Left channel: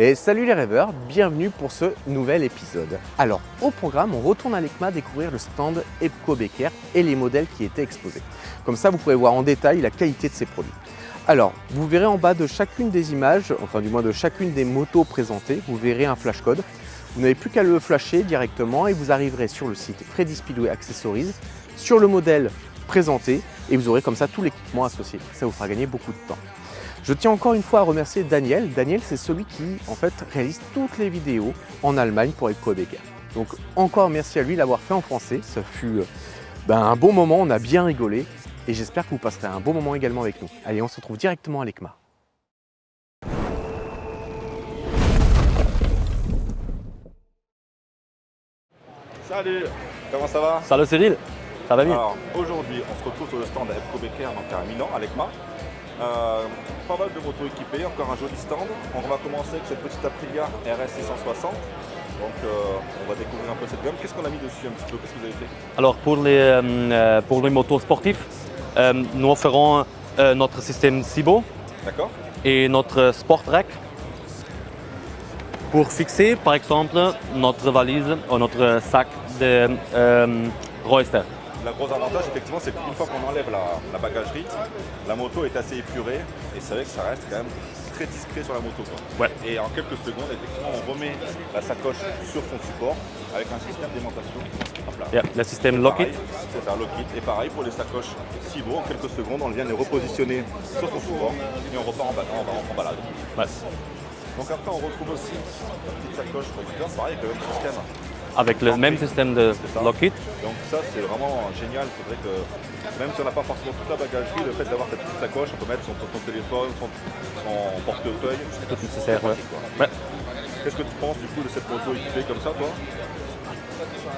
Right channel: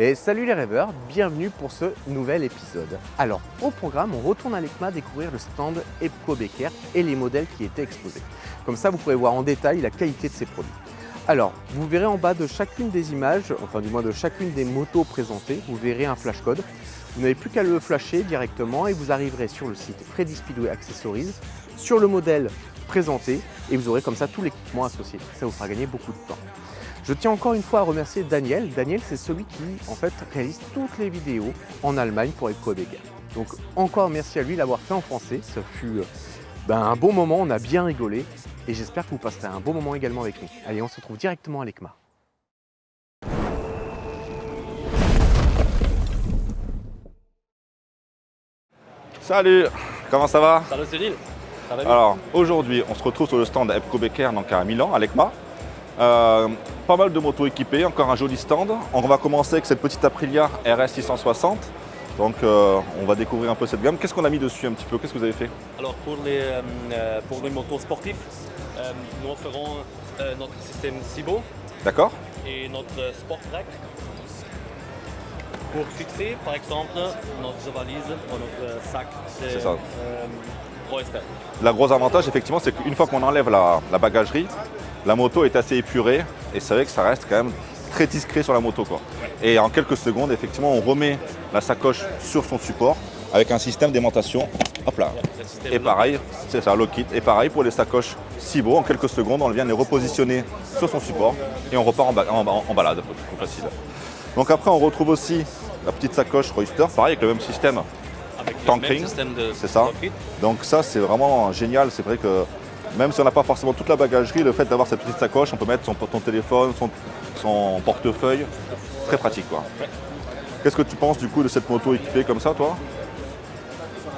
Et salut les rêveurs, bienvenue pour ce nouvel épisode. Alors, au programme, on retourne à l'ECMA découvrir le stand Epco Becker et les modèles qui étaient exposés. Comme ça, vous pourrez voir en détail la qualité de ces produits. Alors, vous verrez en bas de chacune des images, enfin du moins de chacune des motos présentées, vous verrez un flash code. Vous n'avez plus qu'à le flasher directement et vous arriverez sur le site Freddy Speedway Accessories, sur le modèle présenté et vous aurez comme ça tout l'équipement associé. Ça vous fera gagner beaucoup de temps. Je tiens encore une fois à remercier Daniel. Daniel, c'est celui qui en fait réalise toutes les vidéos en Allemagne pour Epco Becker. Donc encore merci à lui d'avoir fait en français. Ça fut un bon moment, on a bien rigolé et j'espère que vous passerez un bon moment également avec nous. Allez, on se retrouve directement à l'ECMA. Salut, comment ça va? Salut Cyril, ça va bien? Alors aujourd'hui on se retrouve sur le stand Epco Becker donc à Milan, à l'ECMA. Pas mal de motos équipées, encore un joli stand. On va commencer avec cette petite Aprilia RS 660. Donc on va découvrir un peu cette gamme. Qu'est-ce qu'on a mis dessus un petit peu? Qu'est-ce que vous avez fait? Alors pour les motos sportifs, nous offrons notre système Cibo D'accord. et notre Sport Rack pour fixer par exemple notre valise ou notre sac de Royster. Le gros avantage effectivement c'est qu'une fois qu'on enlève la bagagerie, la moto est assez épurée et c'est vrai que ça reste quand même très discret sur la moto, quoi. Ouais. Et en quelques secondes effectivement on remet la sacoche sur son support avec un système d'aimantation. Hop là. Yeah, le système Et Lockheed. pareil, c'est ça, Lockheed. Et pareil pour les sacoches Cibo, en quelques secondes on vient les repositionner sur son support et on repart en balade. Ouais. Donc après on retrouve aussi la petite sacoche Royster, pareil avec le même système. Avec le Bunkering, même système de c'est ça. Lockheed. Donc ça c'est vraiment génial, c'est vrai que même si on n'a pas forcément toute la bagagerie, le fait d'avoir cette petite sacoche, on peut mettre son téléphone, son portefeuille, c'est très pratique, quoi. Ouais. Qu'est-ce que tu penses du coup de cette moto équipée comme ça, toi?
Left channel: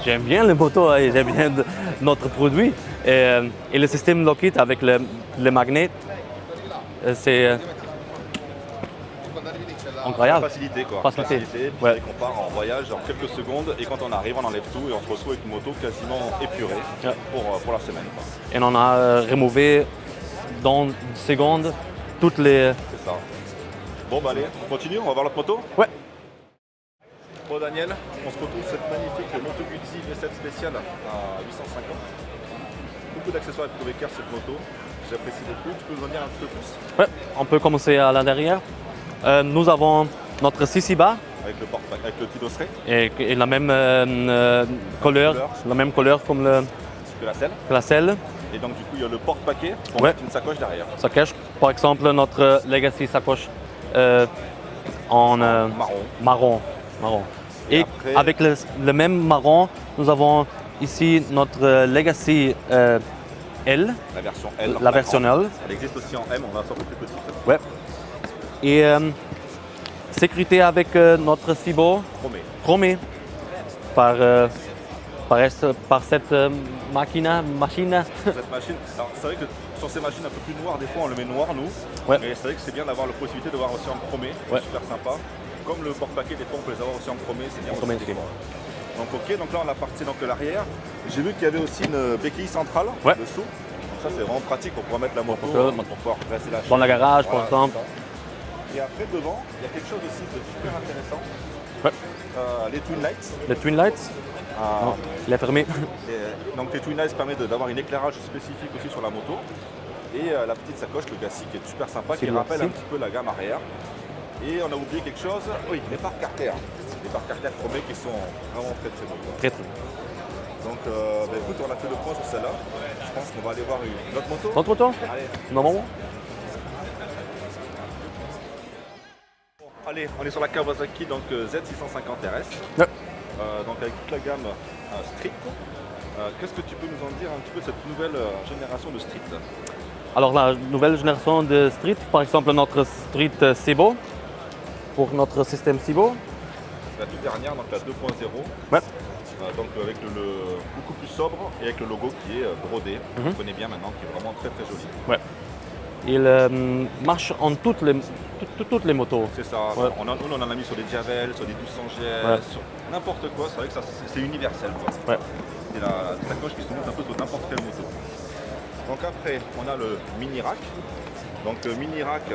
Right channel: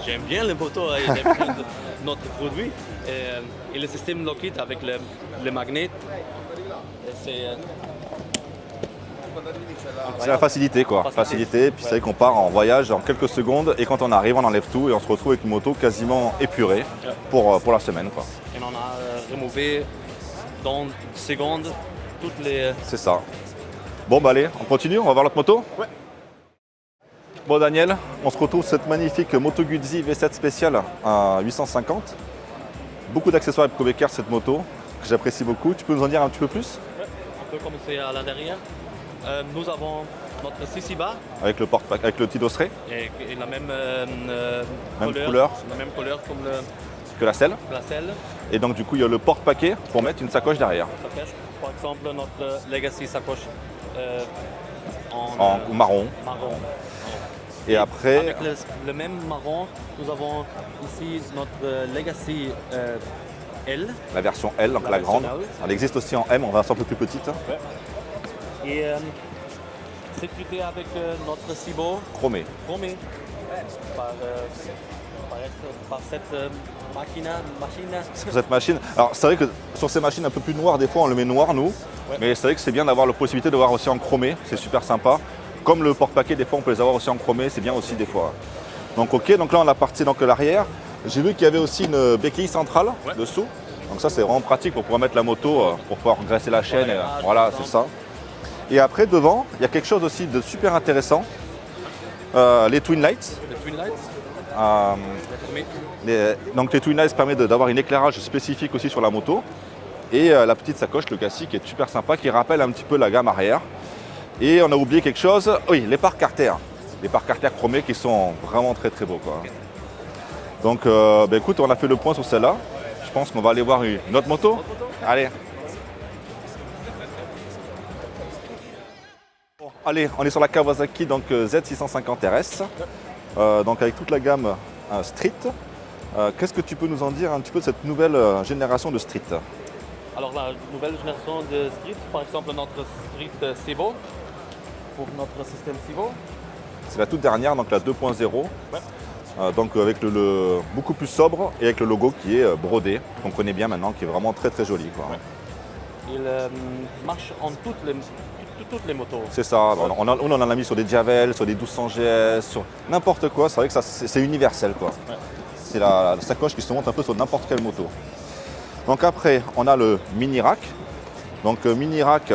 J'aime bien les motos et j'aime bien notre produit. Et le système Lockheed avec le magnet, c'est C'est la incroyable. facilité, quoi. Facilité. Puis c'est vrai qu'on part en voyage en quelques secondes et quand on arrive, on enlève tout et on se retrouve avec une moto quasiment épurée Ouais. pour la semaine, quoi. Et on a remové dans une seconde toutes les... C'est ça. Bon bah allez, on continue, on va voir l'autre moto? Ouais. Bon Daniel, on se retrouve sur cette magnifique Moto Guzzi V7 spéciale à 850. Beaucoup d'accessoires Epco Becker cette moto, que j'apprécie beaucoup. Tu peux nous en dire un petit peu plus? Ouais, on peut commencer à l'intérieur. Nous avons notre Sisiba Avec le petit dosseret et la même couleur. la même couleur comme que la selle. la selle. Et donc du coup il y a le porte-paquet pour mettre une sacoche derrière. Ça cache par exemple notre Legacy sacoche en Marron. marron. Et après- avec le même marron, nous avons ici notre Legacy L. La version L. La version grande. L. Elle existe aussi en M, on va faire un peu plus petite. Ouais. Et sécurité avec notre Cibo Chromé. chromé par cette machine. Sur cette machine. Alors c'est vrai que sur ces machines un peu plus noires, des fois on le met noir nous. Ouais. Mais c'est vrai que c'est bien d'avoir la possibilité de voir aussi en chromé, c'est Ouais. super sympa. Comme le porte-paquet, des fois on peut les avoir aussi en chromé, c'est bien aussi Chromé, des ok. fois. Donc ok, donc là on a parti donc l'arrière. J'ai vu qu'il y avait aussi une béquille centrale Ouais. dessous. Donc ça c'est vraiment pratique pour pouvoir mettre la moto, pour pouvoir dresser la chaîne. Dans le garage, voilà, par c'est ça. Et après devant, il y a quelque chose aussi de super intéressant. Ouais. Les Twin Lights. Les Twin Lights, Euh, il est fermé. donc les Twin Lights permettent d'avoir un éclairage spécifique aussi sur la moto. Et la petite sacoche, le cassis qui est super sympa, qui rappelle un petit peu la gamme arrière. Et on a oublié quelque chose, oui, les pare carter. Les pare carter chromés qui sont vraiment très très beaux, quoi. Très- Donc écoute, on a fait le point sur celle-là. Je pense qu'on va aller voir une autre moto. Notre moto Allez, normalement. allez, on est sur la Kawasaki donc, Z650 RS. Ouais. Donc avec toute la gamme Street. Qu'est-ce que tu peux nous en dire un petit peu de cette nouvelle génération de Street? Alors la nouvelle génération de Street, par exemple notre Street Cibo, pour notre système Cibo. C'est la toute dernière, donc la 2.0. Ouais. Donc avec le beaucoup plus sobre et avec le logo qui est brodé, qu'on connaît bien maintenant, qui est vraiment très très joli, quoi. Ouais. Il marche en toutes les motos. C'est ça, on en a mis sur des Javel, sur des 1200 GS, sur n'importe quoi, c'est vrai que ça, c'est universel, quoi. Ouais. C'est la sacoche qui se monte un peu sur n'importe quelle moto. Donc après, on a le mini rack. Donc le mini rack,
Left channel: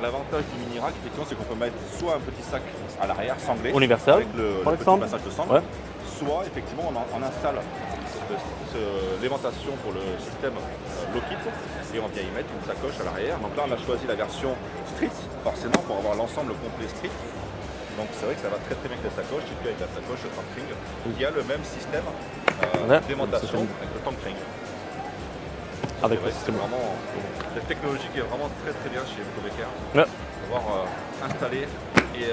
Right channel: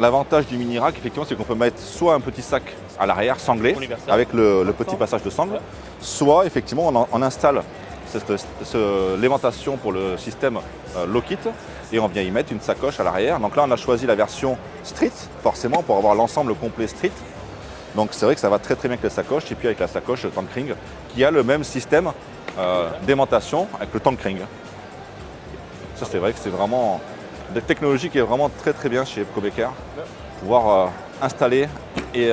l'avantage du mini rack, effectivement, c'est qu'on peut mettre soit un petit sac à l'arrière sanglé, Universel, avec le par petit exemple. passage de sangle, Ouais. soit effectivement on installe l'aimantation pour le système Lockit et on vient y mettre une sacoche à l'arrière. Donc là on a choisi la version Street, forcément pour avoir l'ensemble complet Street. Donc c'est vrai que ça va très très bien avec la sacoche et puis avec la sacoche Tankring, il y a le même système d'aimantation avec le Tankring. Ça c'est vrai que c'est vraiment une technologie qui est vraiment très très bien chez EPCO-BKR. Ouais. Pouvoir installer et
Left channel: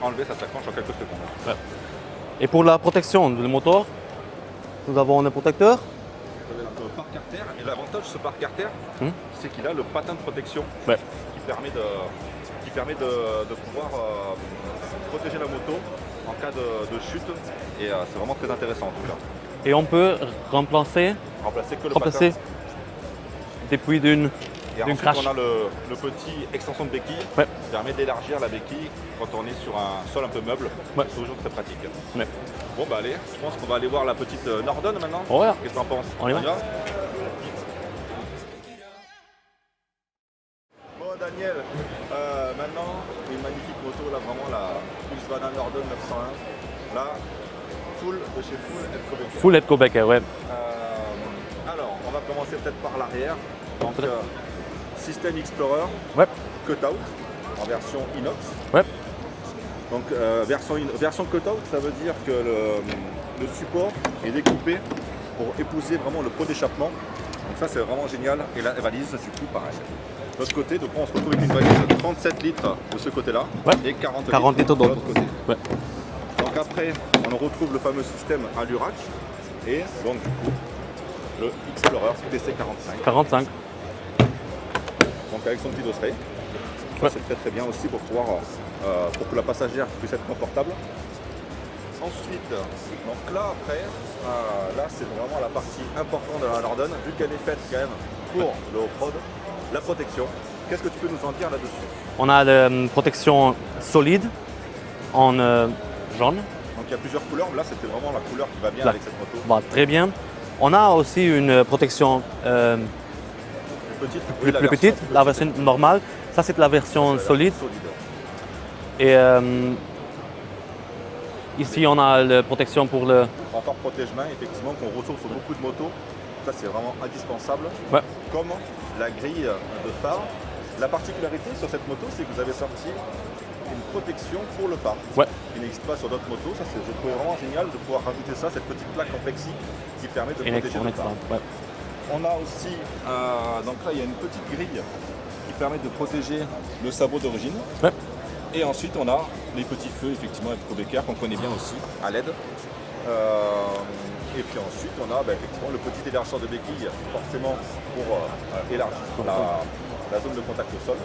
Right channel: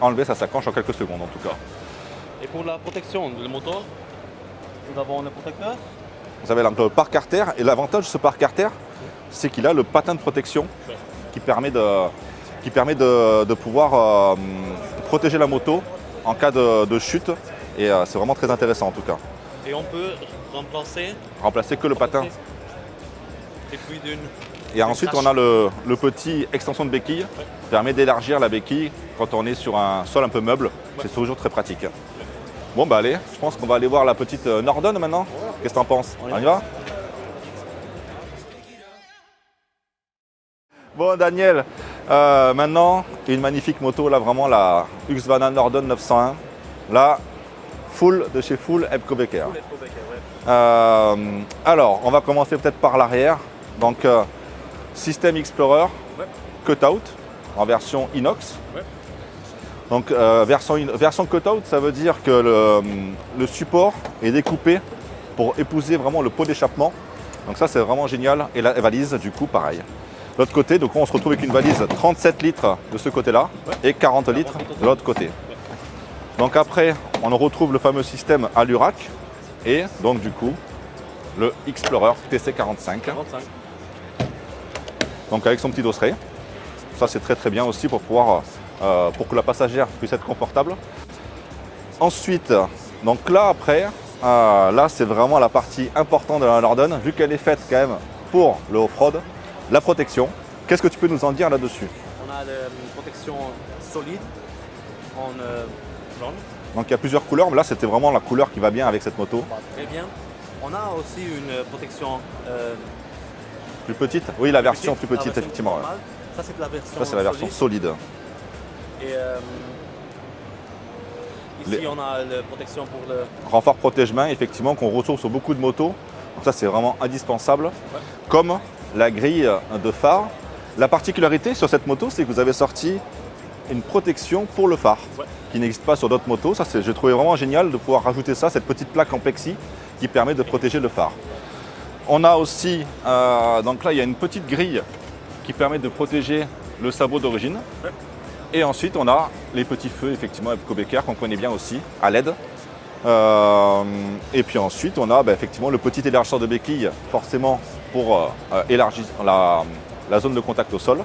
enlever sa sacoche en quelques secondes en tout cas. Et pour la protection du moteur, nous avons un protecteur. Vous avez le pare-carter et l'avantage de ce pare-carter, c'est qu'il a le patin de protection Ouais. qui permet de pouvoir protéger la moto en cas de chute et c'est vraiment très intéressant en tout cas. Et on peut remplacer Remplacer que le patin. depuis d'une. Et ensuite crache. on a le petit extension de béquille Ouais. qui permet d'élargir la béquille quand on est sur un sol un peu meuble. Ouais. C'est toujours très pratique. Ouais. Bon bah allez, je pense qu'on va aller voir la petite Norden maintenant. Ouais. Qu'est-ce que t'en penses? On y va. va? Bon Daniel, maintenant une magnifique moto, là vraiment la Husqvarna Norden 901. Là, full de chez Full EPCO-BKR. Full EPCO-BKR, ouais. Alors, on va commencer peut-être par l'arrière. Donc, System Explorer, Ouais. Cutout en version inox. Ouais. Donc, version Cutout, ça veut dire que le support est découpé pour épouser vraiment le pot d'échappement. Donc ça, c'est vraiment génial. Et la valise, du coup, pareil. De l'autre côté, donc on se retrouve avec une valise 37 litres de ce côté-là Ouais. et 40 litres litres de l'autre côté. Ouais. Donc après, on retrouve le fameux système Allurac et donc du coup, le Explorer TC45. 45. Donc avec son petit dosseret. Ça Ouais. c'est très très bien aussi pour pouvoir pour que la passagère puisse être confortable. Ensuite, donc là après, là c'est vraiment la partie importante de la Norden, vu qu'elle est faite quand même pour le off-road, la protection. Qu'est-ce que tu peux nous en dire là-dessus? On a une protection solide en jaune. Donc il y a plusieurs couleurs, mais là c'était vraiment la couleur qui va bien Ouais. avec cette moto. Va très bien. On a aussi une protection Plus petite? Oui, la plus version petite, plus petite. la version effectivement. normale. Ça, c'est la Ça, version c'est la version solide. solide. Et ici, on a la protection pour le. Renfort protège-main, effectivement, qu'on retrouve sur beaucoup de motos. Donc ça, c'est vraiment indispensable. Ouais. Comme la grille de phare. La particularité sur cette moto, c'est que vous avez sorti une protection pour le phare, Ouais. qui n'existe pas sur d'autres motos. Ça, j'ai trouvé vraiment génial de pouvoir rajouter ça, cette petite plaque en plexi qui permet de protéger le phare. Ouais. On a aussi, donc là, il y a une petite grille qui permet de protéger le sabot d'origine. Ouais. Et ensuite, on a les petits feux, effectivement, EPCO-BKR qu'on connaît bien aussi, à LED. Et puis ensuite, on a effectivement le petit élargisseur de béquille, forcément pour élargir la zone de contact au sol.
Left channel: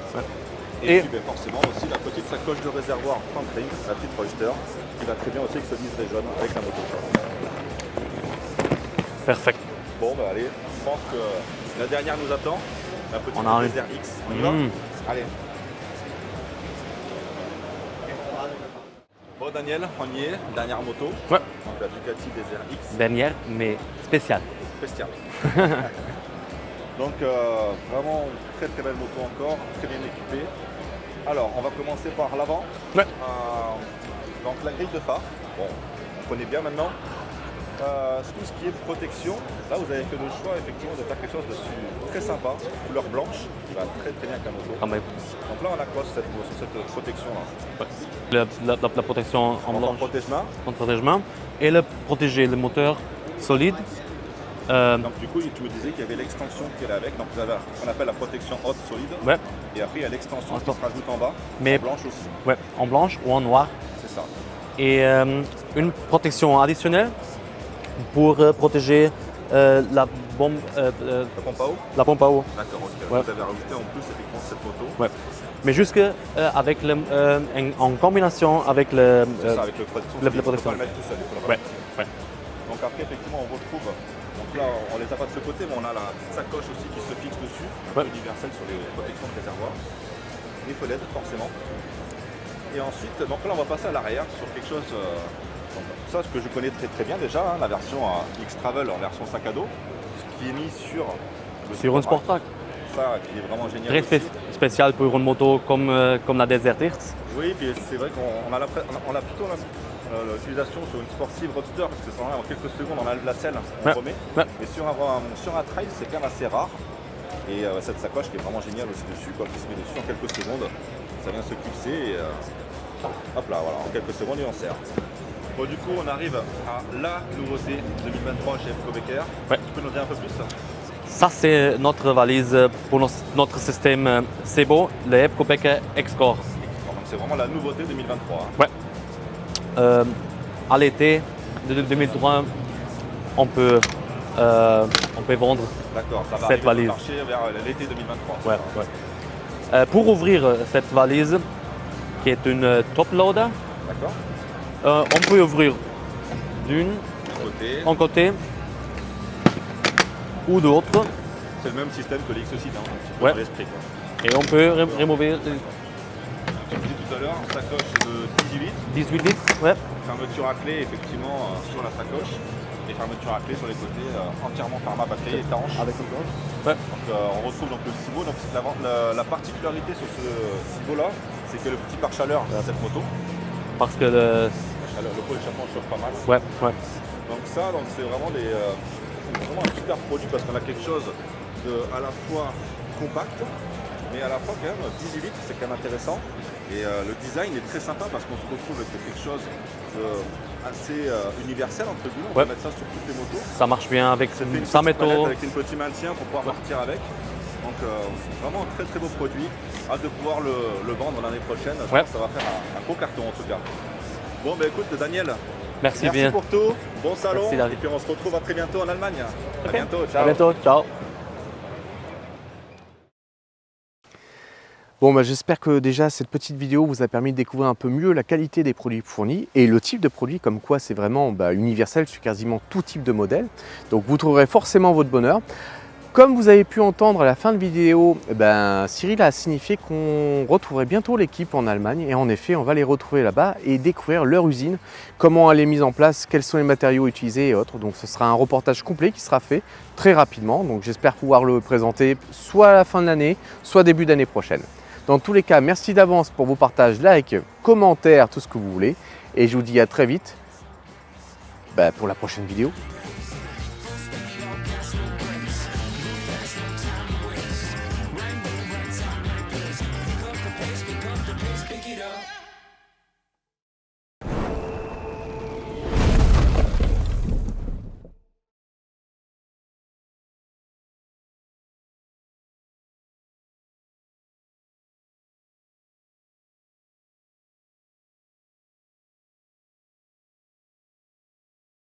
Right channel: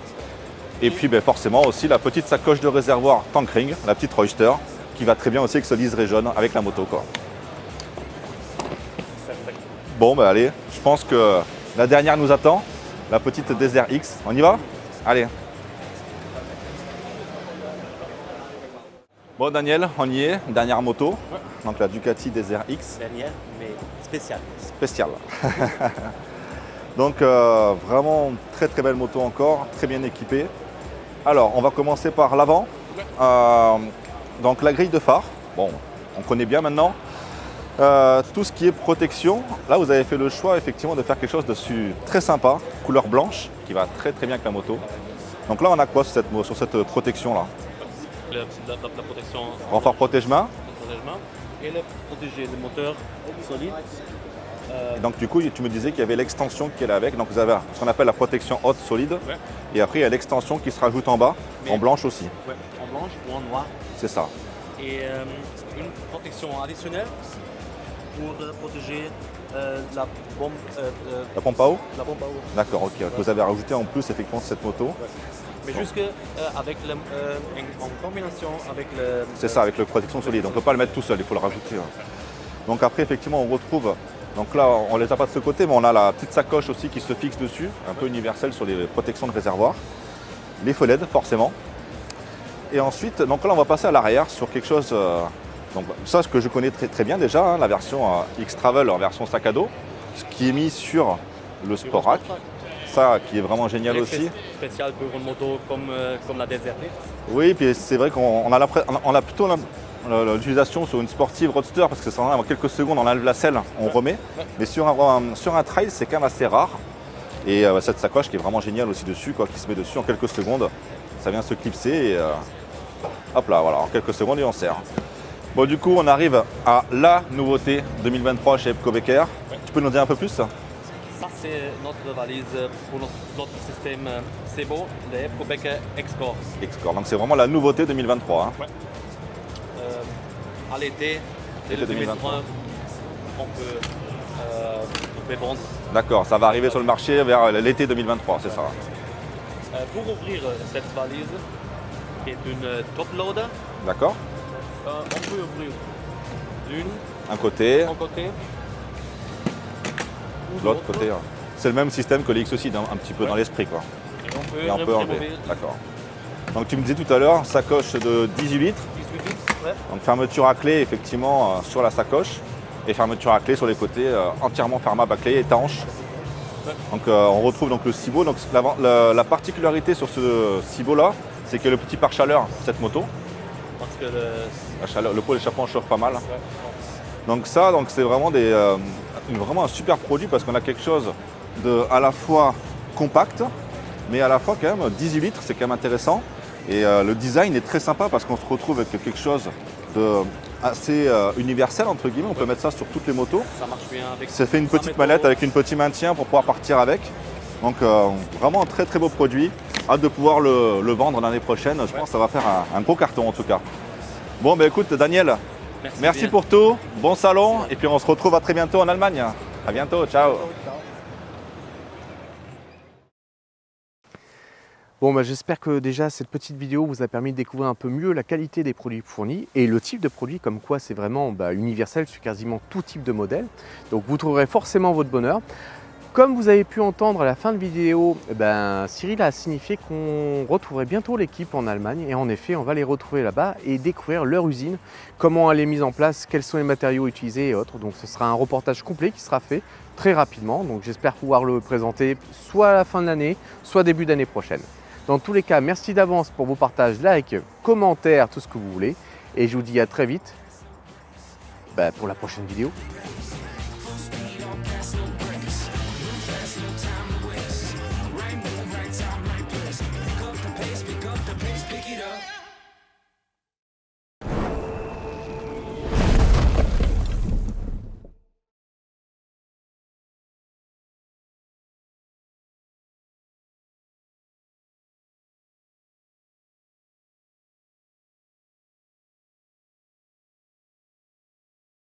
Et puis forcément aussi la petite sacoche de réservoir Tankring, la petite Royster, qui va très bien aussi avec ce liseré jaune avec la moto, quoi. Parfait. Bon, allez, je pense que la dernière nous attend, la petite On arrive. Desert X. On y va? Allez. Bon, Daniel, on y est, dernière moto. Ouais. Donc la Ducati Desert X Dernière, mais spéciale. spéciale. Donc vraiment très très belle moto encore, très bien équipée. Alors, on va commencer par l'avant. Ouais. Donc la grille de phare, bon, on connaît bien maintenant. Tout ce qui est protection, là vous avez fait le choix effectivement de faire quelque chose de très sympa, couleur blanche, qui va très très bien avec la moto. Quand même. Donc là on a quoi sur cette protection là? La protection en Renfort protège-main. en protègement et le protéger le moteur solide. Donc du coup tu me disais qu'il y avait l'extension qui est là avec. Donc vous avez ce qu'on appelle la protection haute solide. Ouais. Et après il y a l'extension qui se rajoute en bas, Mais- en blanche aussi. Ouais, en blanche ou en noir. C'est ça. Et une protection additionnelle pour protéger la bombe, La pompe à eau? la pompe à eau. D'accord, ok. Ouais. Vous avez rajouté en plus effectivement cette moto. Ouais. Mais jusque avec en combinaison avec le. C'est ça, avec le protection le solide. On ne peut protection. pas le mettre tout seul, il faut le rajouter. Ouais. Donc après, effectivement, on retrouve, donc là, on ne les a pas de ce côté, mais on a la petite sacoche aussi qui se fixe dessus, un peu universelle sur les protections de réservoir. Les feux LED, forcément. Et ensuite, donc là, on va passer à l'arrière sur quelque chose, donc ça, ce que je connais très très bien déjà, hein, la version X-Travel en version sac à dos, ce qui est mis sur le Sur un Sport Rack. Sport Track. ça qui est vraiment génial Très aussi. spécial pour une moto comme la Desert X. Oui, puis c'est vrai qu'on a plutôt l'utilisation sur une sportive roadster parce que ça en quelques secondes, on enlève la selle, on remet. Ouais. Mais sur un trail, c'est quand même assez rare. Et cette sacoche qui est vraiment géniale aussi dessus, quoi, qui se met dessus en quelques secondes. Ça vient se clipser et hop là, voilà, en quelques secondes et on sert. Bon, du coup, on arrive à la nouveauté 2023 chez Epco-Becker. Ouais. Tu peux nous dire un peu plus? Ça, c'est notre valise pour notre système SEBO, le Epco-Becker X-Core. Donc, c'est vraiment la nouveauté 2023. Hein. Ouais. À l'été 2023, on peut vendre. D'accord, ça va arriver sur le marché vers l'été 2023, c'est ça? Ouais. Pour ouvrir cette valise, qui est une top loader, d'accord. On peut ouvrir un côté ou de l'autre. C'est le même système que l'X aussi, un petit peu dans l'esprit, quoi. Et on peut remover. D'accord. Donc tu me disais tout à l'heure, sacoche de 18 litres. 18 litres, ouais. Donc fermeture à clé effectivement sur la sacoche et fermeture à clé sur les côtés, entièrement fermable à clé, étanche. Ouais. Donc on retrouve donc le Cibo. Donc la particularité sur ce Cibo là, c'est qu'il y a le petit pare-chaleur dans cette moto. Parce que le pot d'échappement chauffe pas mal. Ouais, ouais. Donc ça, c'est vraiment vraiment un super produit parce qu'on a quelque chose de à la fois compact, mais à la fois quand même 18 litres, c'est quand même intéressant. Et le design est très sympa parce qu'on se retrouve avec quelque chose de assez universel entre guillemets. On peut mettre ça sur toutes les motos. Ça marche bien avec ça fait une petite manette avec un petit maintien pour pouvoir partir avec. Donc vraiment un très très beau produit. Hâte de pouvoir le vendre l'année prochaine. Je pense que ça va faire un gros carton en tout cas. Bon ben écoute Daniel, merci pour tout. Bon salon et puis on se retrouve à très bientôt en Allemagne. À bientôt, ciao. À bientôt, ciao. Bon, j'espère que déjà cette petite vidéo vous a permis de découvrir un peu mieux la qualité des produits fournis et le type de produit, comme quoi c'est vraiment universel sur quasiment tout type de modèle. Donc vous trouverez forcément votre bonheur. Comme vous avez pu entendre à la fin de vidéo, Cyril a signifié qu'on retrouverait bientôt l'équipe en Allemagne et en effet on va les retrouver là-bas et découvrir leur usine, comment elle est mise en place, quels sont les matériaux utilisés et autres. Donc ce sera un reportage complet qui sera fait très rapidement, donc j'espère pouvoir le présenter soit à la fin de l'année, soit début d'année prochaine. Dans tous les cas, merci d'avance pour vos partages, likes, commentaires, tout ce que vous voulez et je vous dis à très vite pour la prochaine vidéo.